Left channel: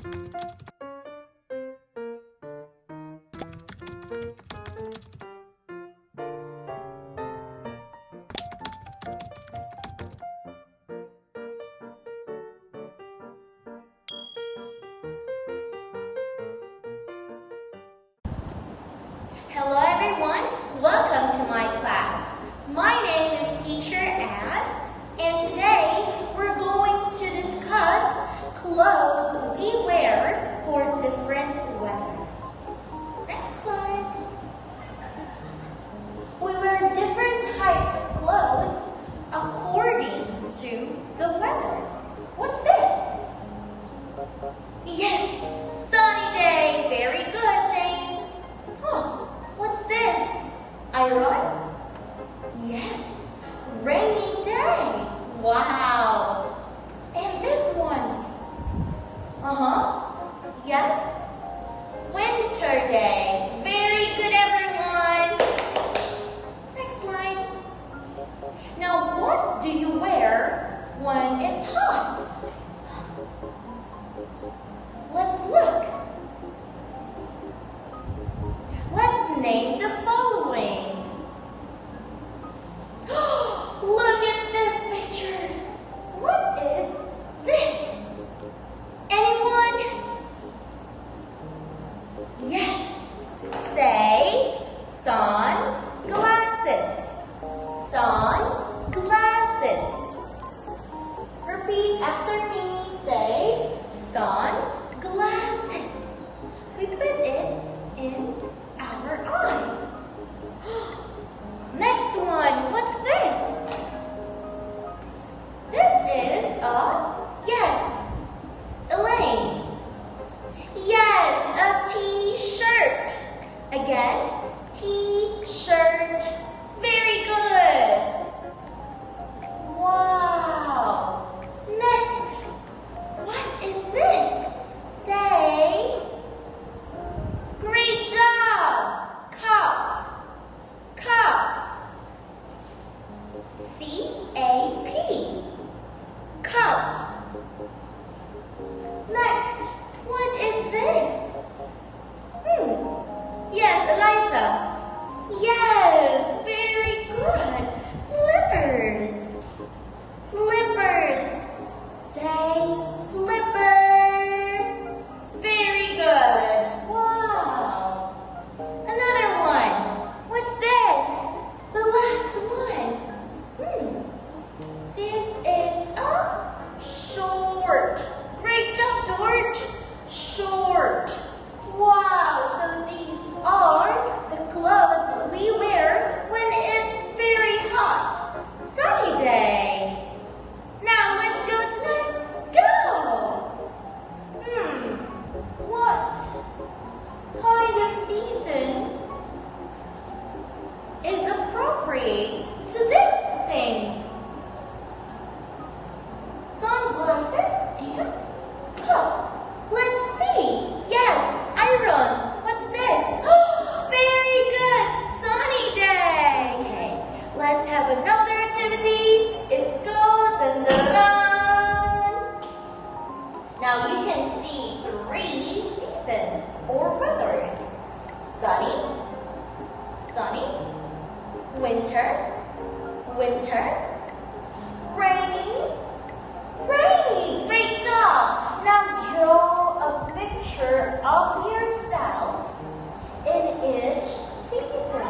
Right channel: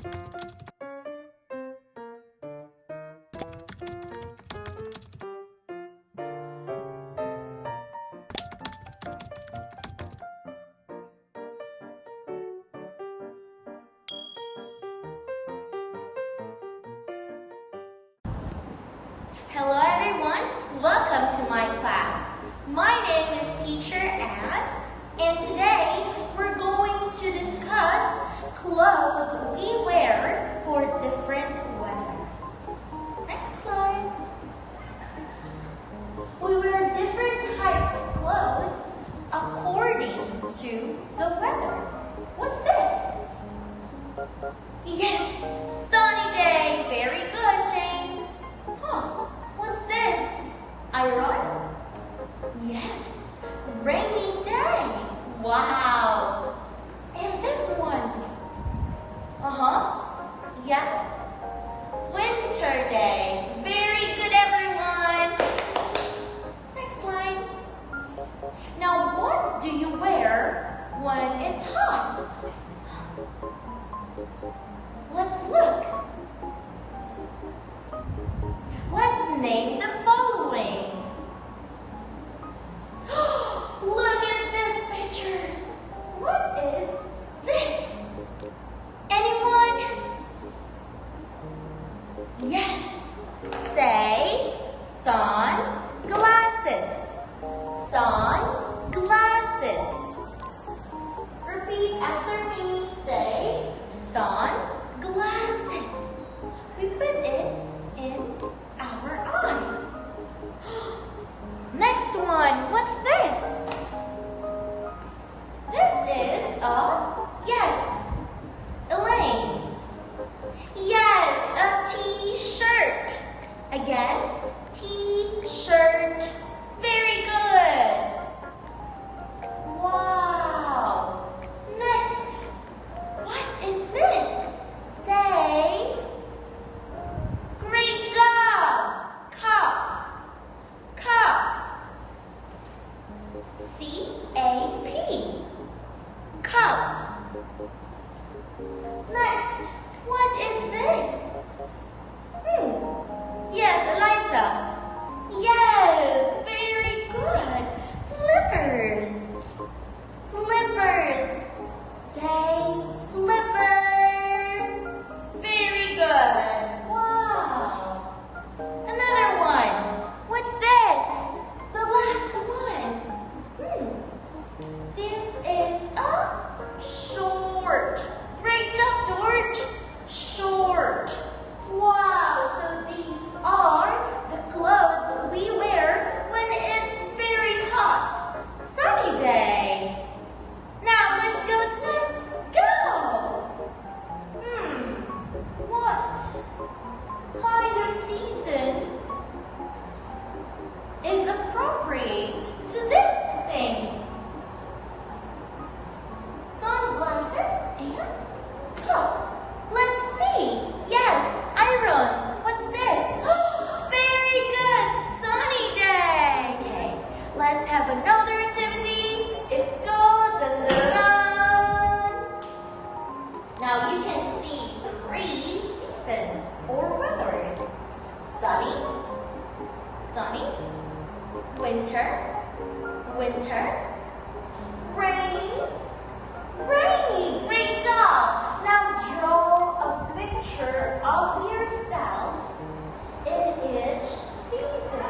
Hello everyone, welcome to my class. My name is Teacher Anne, and today we're going to discuss clothes we wear for different weather. Next slide. We wear different types of clothes according to the weather. What's this? Yes, sunny day. Very good, James. What's this? Iron? Yes, rainy day. Wow. And this one? Yes, winter day. Very good, everyone. Next line. Now, what do you wear when it's hot? Let's look. Let's name the following. Look at these pictures. What is this? Anyone? Yes. Say sunglasses. Sunglasses. Repeat after me. Say sunglasses. We put it in our eyes. Next one, what's this? This is Elaine. Yes, a t-shirt. Again, t-shirt. Very good. Wow. Next, what is this? Say, great job. Cup. Cup. C-A-P. Cup. Next, what is this? Yes, Eliza. Yes, very good. Slippers. Slippers. Say slippers. Very good. Wow. Another one. What's this? The last one. This is a short. Great job, George. Short. Wow, so these are the clothes we wear when it's very hot. Sunny day. Now let's go. What kind of season is appropriate to these things? Sunglasses and cup. Let's see. Yes, iron. What's this? Very good. Sunny day. Okay, let's have another activity. It's go. Dun, dun, dun. Now you can see 3 seasons or weathers. Sunny, sunny, winter, winter, rainy, rainy. Great job. Now draw a picture of yourself in each season.